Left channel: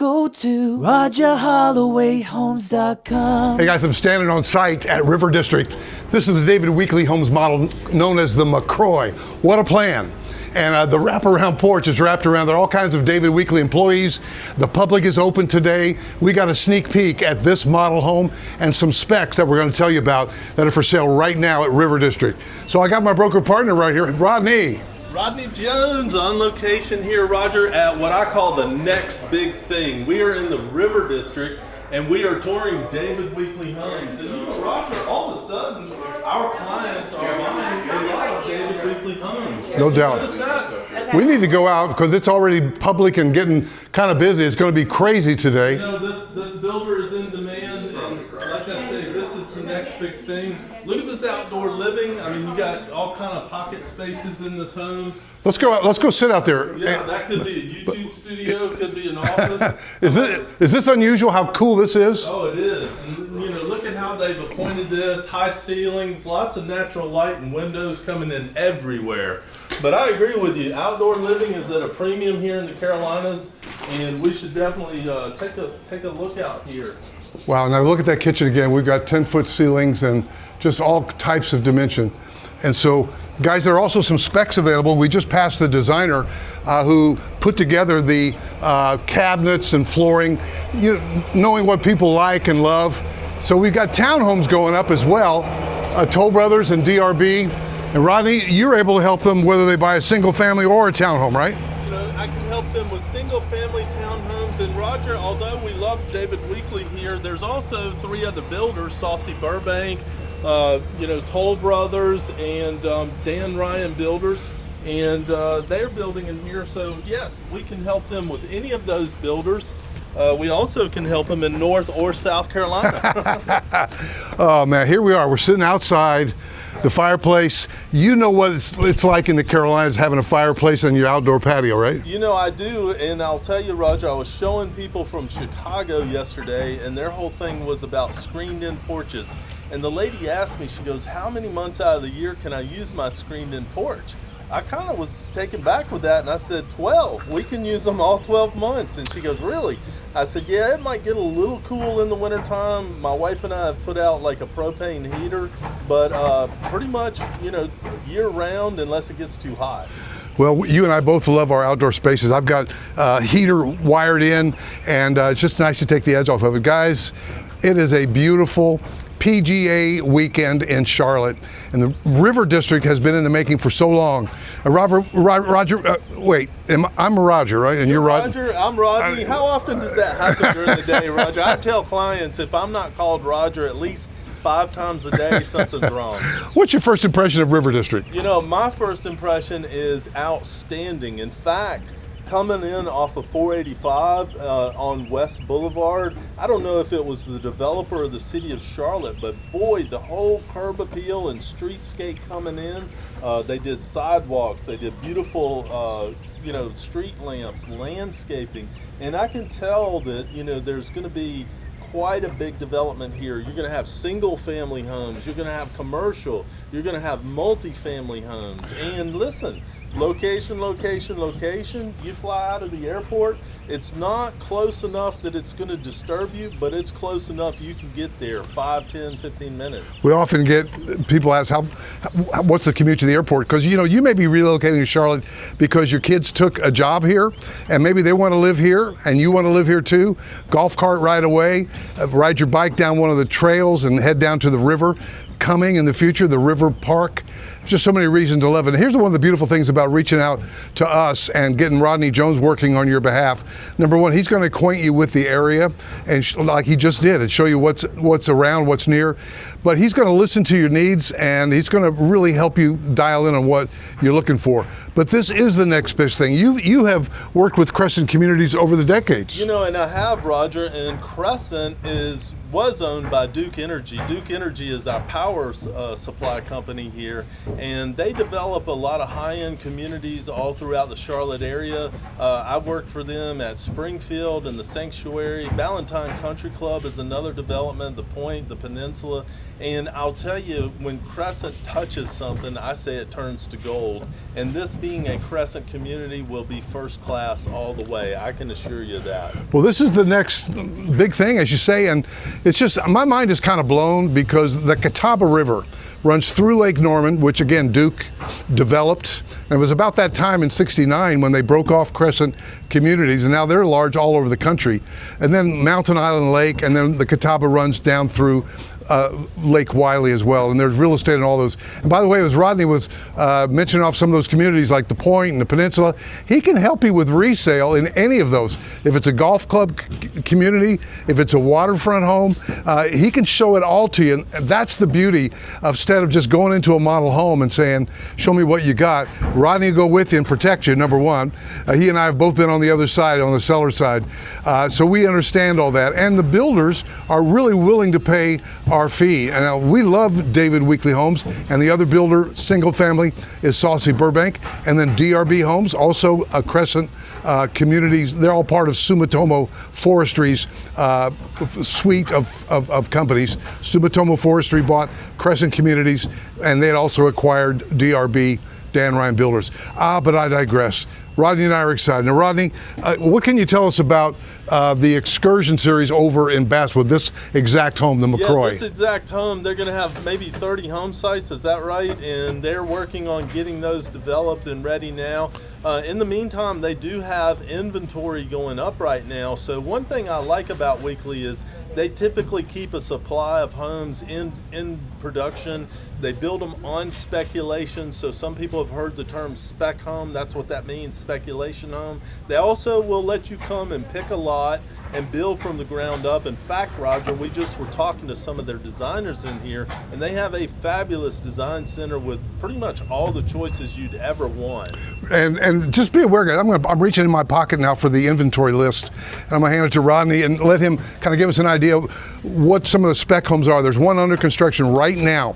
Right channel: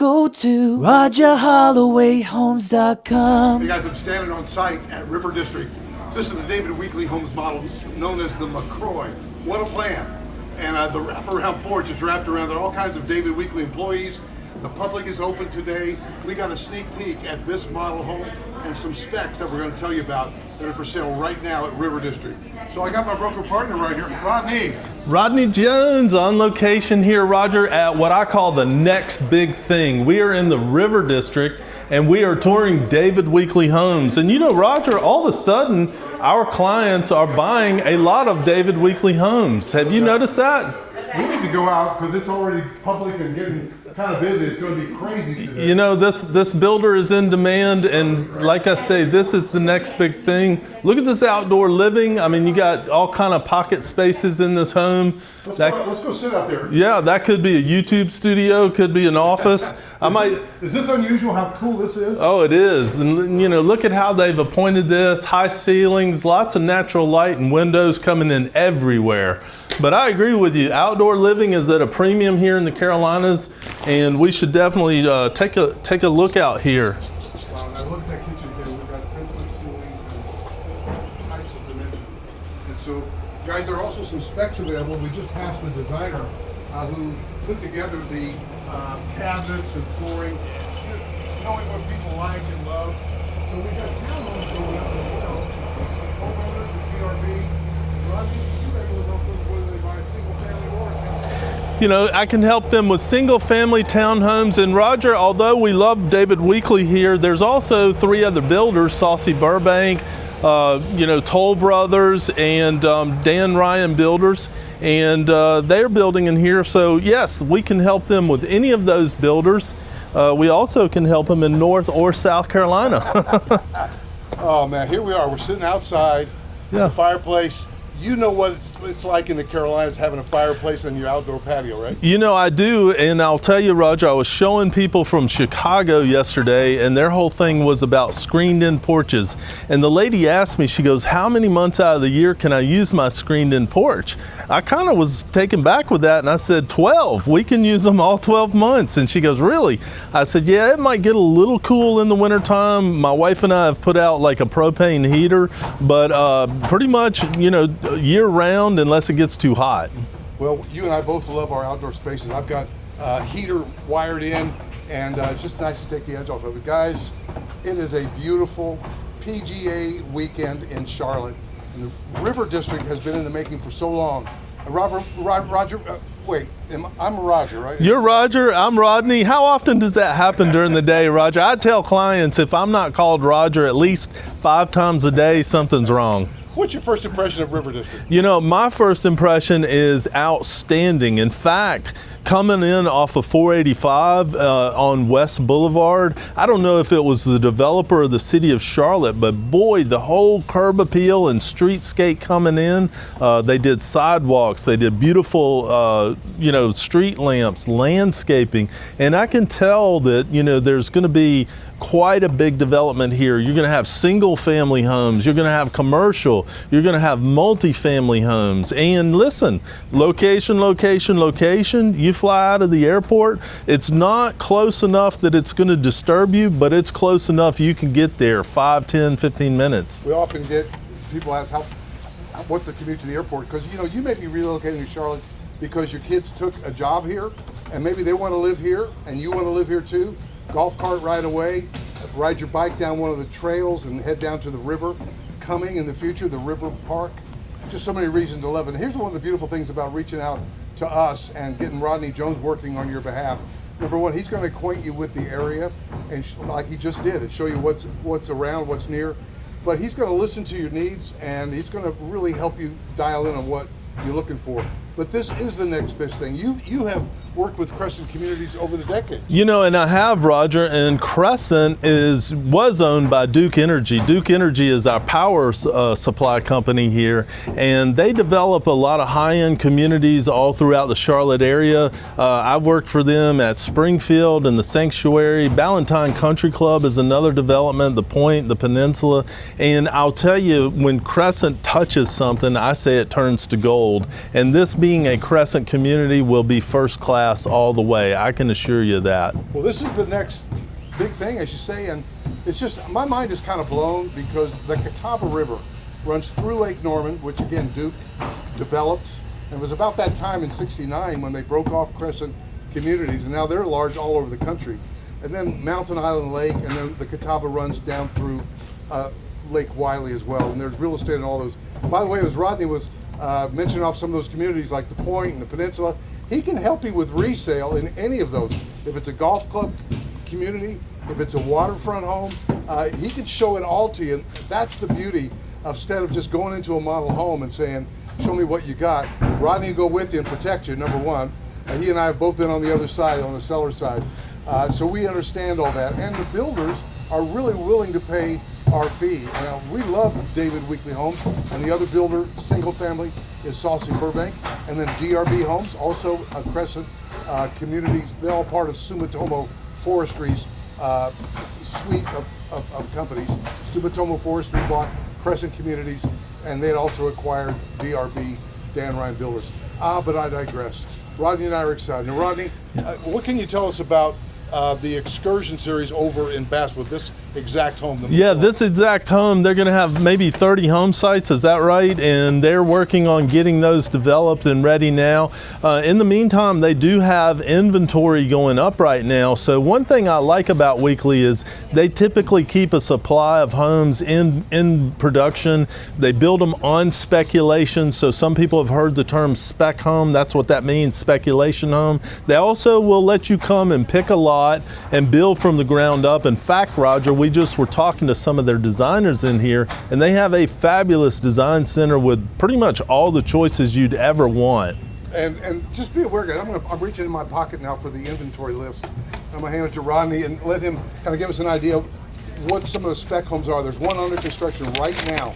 go to RHy&x.com. Hey guys, I'm standing on site at River District. This is the David Weekley Homes model known as the McCroy. What a plan. And the wraparound porch is wrapped around. There are all kinds of David Weekley employees. The public is open today. We got a sneak peek at this model home and some specs that we're going to tell you about that are for sale right now at River District. So I got my broker partner right here, Rodney. Rodney Jones on location here, Roger, at what I call the next big thing. We are in the River District and we are touring David Weekley Homes. And you know, Roger, all of a sudden, our clients are buying a lot of David Weekley Homes. Have you noticed that? We need to go out because it's already public and getting kind of busy. It's going to be crazy today. You know, this builder is in demand, and like I say, this is the next big thing. Look at this outdoor living. I mean, you got all kind of pocket spaces in this home. Let's go sit out there. Yeah, that could be a YouTube studio, could be an office. Is this unusual how cool this is? Oh, it is. And you know, look at how they've appointed this. High ceilings, lots of natural light and windows coming in everywhere. But I agree with you. Outdoor living is at a premium here in the Carolinas, and we should definitely take a look out here. Wow, now look at that kitchen again. We've got 10-foot ceilings and just all types of dimension. And so, guys, there are also some specs available. We just passed the designer who put together the cabinets and flooring, knowing what people like and love. So we've got townhomes going up as well, Toll Brothers and DRB. And Rodney, you're able to help them whether they buy a single family or a townhome, right? You know, I can help them with single family townhomes. And Roger, although we love David Weekley here, there's also 3 other builders, Saussy Burbank, you know, Toll Brothers and Dan Ryan Builders. And they're building in here. So yes, we can help them with any of those builders. We also can help them in North or South Carolina. Oh man, here we are. We're sitting outside. Yeah. The fireplace. You know what it's like in the Carolinas having a fireplace on your outdoor patio, right? You know, I do, and I'll tell you, Roger, I was showing people from Chicago yesterday, and their whole thing was about screened-in porches. And the lady asked me, she goes, how many months out of the year can I use my screened-in porch? I kind of was taken back with that, and I said, 12. We can use them all 12 months. And she goes, really? I said, yeah, it might get a little cool in the wintertime. My wife and I have put out like a propane heater, but pretty much, you know, year round unless it gets too hot. Well, you and I both love our outdoor spaces. I've got a heater wired in, and it's just nice to take the edge off of it. Guys, it is a beautiful PGA weekend in Charlotte, and the River District has been in the making for so long. Roger, wait, I'm Roger, right? And you're Roger, I'm Rodney. How often does that happen during the day, Roger? I tell clients if I'm not called Roger at least 5 times a day, something's wrong. What's your first impression of River District? You know, my first impression is outstanding. In fact, coming in off of 485 on West Boulevard, I don't know if it was the developer or the city of Charlotte, but boy, the whole curb appeal and streetscape coming in, they did sidewalks, they did beautiful, you know, street lamps, landscaping, and I can tell that, you know, there's going to be quite a big development here. You're going to have single family homes, you're going to have commercial, you're going to have multi-family homes. And listen, location, location, location. You fly out of the airport, it's not close enough that it's going to disturb you, but it's close enough you can get there 5, 10, 15 minutes. We often get people ask what's the commute to the airport? Because you know, you may be relocating to Charlotte because your kids took a job here and maybe they want to live here and you want to live here too. Golf cart right away, ride your bike down one of the trails and head down to the river. Coming in the future, the river park. Just so many reasons to love it. And here's one of the beautiful things about reaching out to us and getting Rodney Jones working on your behalf. Number one, he's going to acquaint you with the area, and like he just did, and show you what's around, what's near. But he's going to listen to your needs, and he's going to really help you dial in on what you're looking for. But this is the next best thing. You have worked with Crescent Communities over the decades. You know, and I have, Roger, and Crescent was owned by Duke Energy. Duke Energy is our power supply company here, and they develop a lot of high-end communities all throughout the Charlotte area. I've worked for them at Springfield and the Sanctuary. Ballantyne Country Club is another development, the Point, the Peninsula, and I'll tell you, when Crescent touches something, I say it turns to gold, and this being a Crescent community will be first class all the way. I can assure you that. Well, this is the next big thing, as you say, and it's just, my mind is kind of blown because the Catawba River runs through Lake Norman, which again Duke developed. And it was about that time in '69 when they broke off Crescent communities, and now they're large all over the country. And then Mountain Island Lake, and then the Catawba runs down through Lake Wiley as well, and there's real estate in all those. And by the way, as Rodney was mentioning off some of those communities like the Point and the Peninsula, he can help you with resale in any of those. If it's a golf club community, if it's a waterfront home, he can show it all to you. And that's the beauty of, instead of just going into a model home and saying, show me what you got, Rodney will go with you and protect you, number one. He and I have both been on the other side, on the seller side. So we understand all that. And the builders are really willing to pay our fee. And we love David Weekley Homes, and the other builder, single family, is Saussy Burbank, and then DRB Homes, also a Crescent communities. They're all part of Sumitomo Forestry's suite of companies. Sumitomo Forestry bought Crescent Communities, and they had also acquired DRB, Dan Ryan Builders. But I digress. Rodney and I are excited. Now, Rodney, what can you tell us about the excursion series over in Bass with this exact home, the McCroy? Yeah, this exact home, they're going to have maybe 30 home sites, is that right? And they're working on getting those developed and ready now. In the meantime, they do have inventory going up right now. So one thing I like about Weekley is they typically keep a supply of homes in production. They build them on speculation. So some people have heard the term spec home. That's what that means, speculation home. They also will let you come and pick a lot and build from the ground up. In fact, Roger, we just were talking to some of their designers in here, and they have a fabulous design center with pretty much all the choices you'd ever want. And just be aware, I'm reaching in my pocket now for the inventory list, and I'm gonna hand it to Rodney and let him kind of give us an idea of what some of the spec homes are. There's one under construction right now.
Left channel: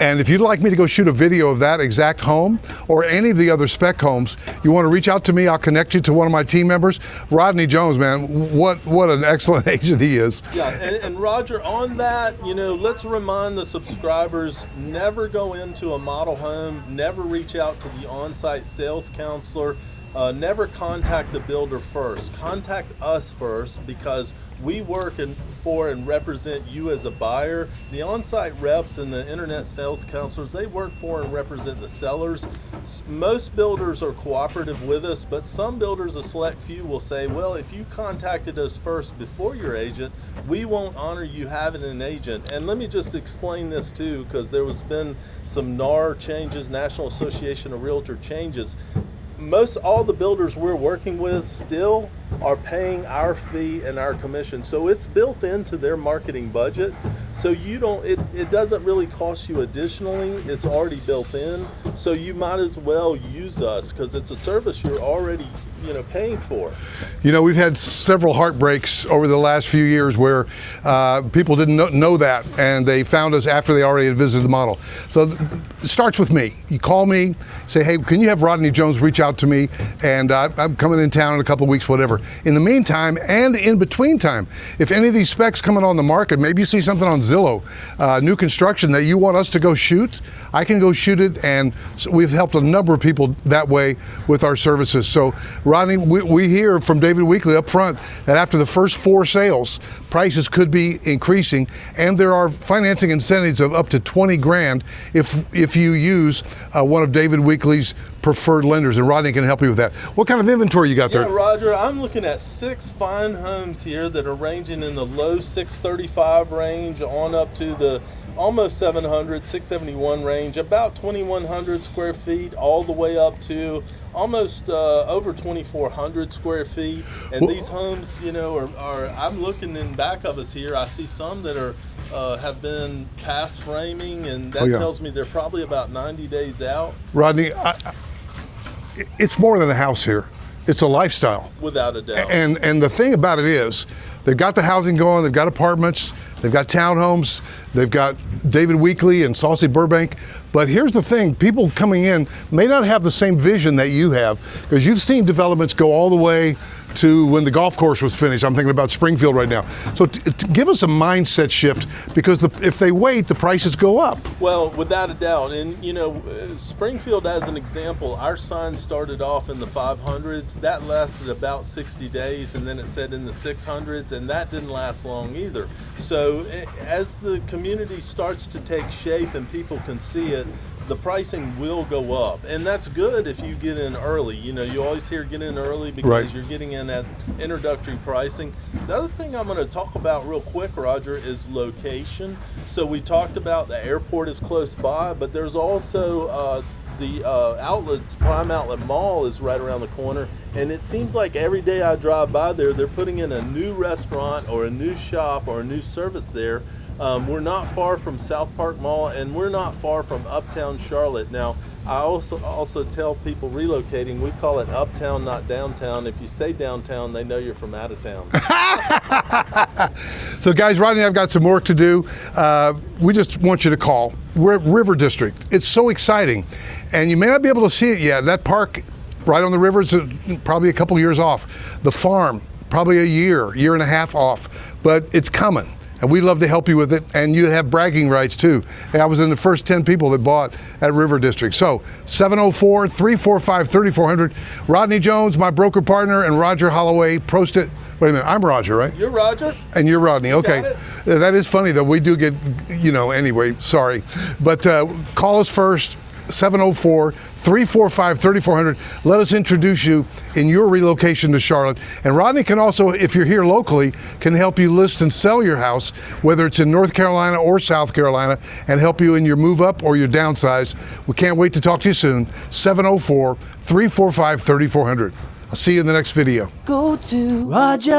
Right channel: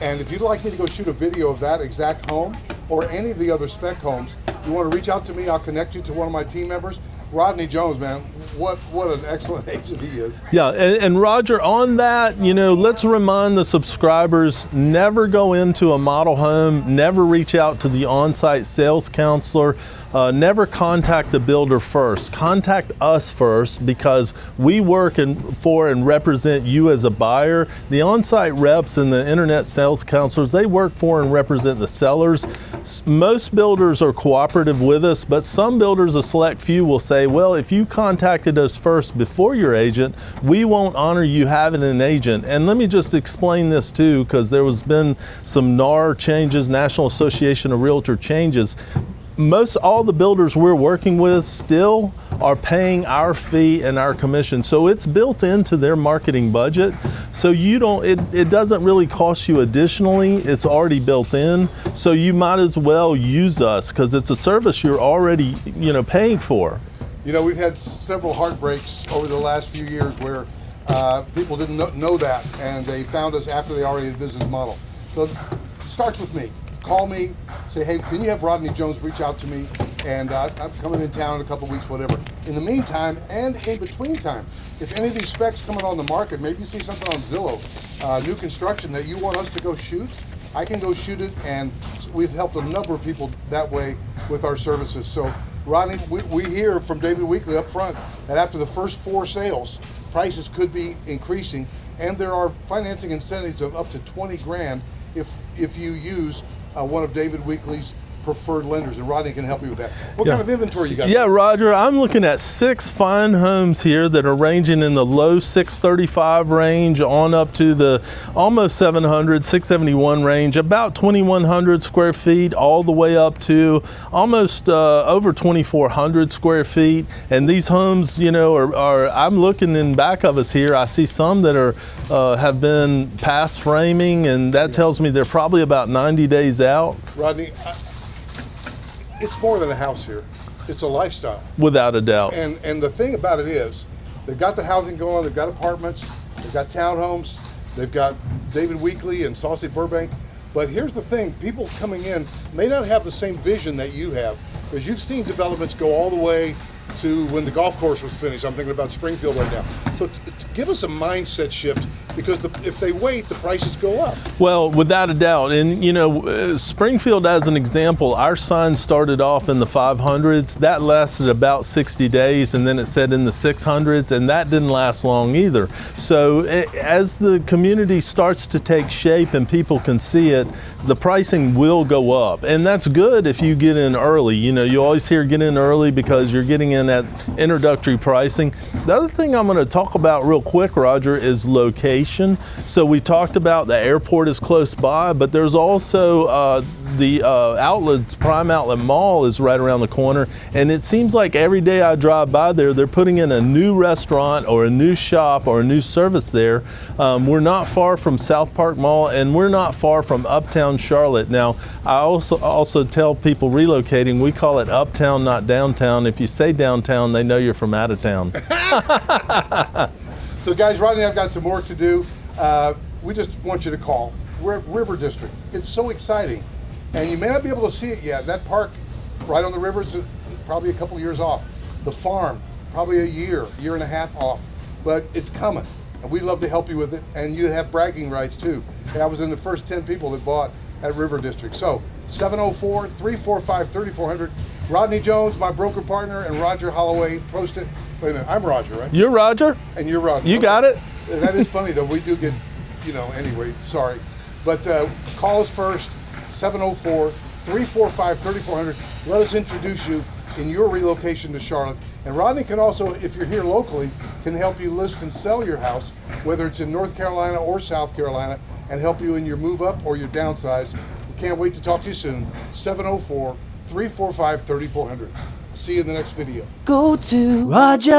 And if you'd like me to go shoot a video of that exact home or any of the other spec homes, you want to reach out to me, I'll connect you to one of my team members. Rodney Jones, man, what an excellent agent he is. Yeah, and Roger, on that, let's remind the subscribers, never go into a model home, never reach out to the on-site sales counselor. Never contact the builder first. Contact us first, because we work for and represent you as a buyer. The on-site reps and the internet sales counselors, they work for and represent the sellers. Most builders are cooperative with us, but some builders, a select few, will say, well, if you contacted us first before your agent, we won't honor you having an agent. And let me just explain this too, because there has been some NAR changes, National Association of Realtor changes. All the builders we're working with still are paying our fee and our commission. So it's built into their marketing budget. So it doesn't really cost you additionally, it's already built in. So you might as well use us, because it's a service you're already, paying for. We've had several heartbreaks over the last few years where people didn't know that, and they found us after they already had visited the model. So it starts with me. You call me, say, hey, can you have Rodney Jones reach out to me, and I'm coming in town in a couple of weeks, whatever. In the meantime, and in between time, if any of these specs coming on the market, maybe you see something on Zillow, new construction that you want us to go shoot, I can go shoot it, and we've helped a number of people that way with our services. So, Rodney, we hear from David Weekley up front that after the first 4 sales, prices could be increasing, and there are financing incentives of up to 20 grand if you use one of David Weekley's preferred lenders, and Rodney can help you with that. What kind of inventory you got there? Yeah, Roger, I'm looking at 6 fine homes here that are ranging in the low 635 range on up to the almost 700, 671 range, about 2,100 square feet, all the way up to almost over 2,400 square feet. And these homes, I'm looking in back of us here, I see some that are have been past framing, and that tells me they're probably about 90 days out. Rodney, it's more than a house here. It's a lifestyle. Without a doubt. And the thing about it is, they've got the housing going, they've got apartments, they've got townhomes, they've got David Weekley and Saussy Burbank But here's the thing, people coming in may not have the same vision that you have, because you've seen developments go all the way to when the golf course was finished. I'm thinking about Springfield right now. So give us a mindset shift, because if they wait, the prices go up. Well, without a doubt. And you know, Springfield as an example, our sign started off in the 500s. That lasted about 60 days, and then it said in the 600s, and that didn't last long either. So as the community starts to take shape and people can see it, the pricing will go up. And that's good if you get in early. You know, you always hear get in early because you're getting in at introductory pricing. The other thing I'm going to talk about real quick, Roger, is location. So we talked about the airport is close by, but there's also the outlets, Prime Outlet Mall is right around the corner, and it seems like every day I drive by there, they're putting in a new restaurant or a new shop or a new service there. We're not far from South Park Mall, and we're not far from Uptown Charlotte. Now, I also tell people relocating, we call it uptown, not downtown. If you say downtown, they know you're from out of town. So guys, Rodney and I've got some work to do. We just want you to call. We're at River District. It's so exciting. And you may not be able to see it yet. That park right on the river is probably a couple years off. The farm, probably a year and a half off, but it's coming. And we'd love to help you with it, and you have bragging rights too. Hey, I was in the first 10 people that bought at River District. So 704-345-3400. Rodney Jones, my broker partner, and Roger Holloway. Wait a minute, I'm Roger, right? You're Roger. And you're Rodney. You okay. got it. That is funny though. We do get, anyway, sorry. But call us first, 704-345-3400. Let us introduce you in your relocation to Charlotte. And Rodney can also, if you're here locally, can help you list and sell your house, whether it's in North Carolina or South Carolina, and help you in your move up or your downsize. We can't wait to talk to you soon. 704-345-3400. I'll see you in the next video. Go to RHy&x.com.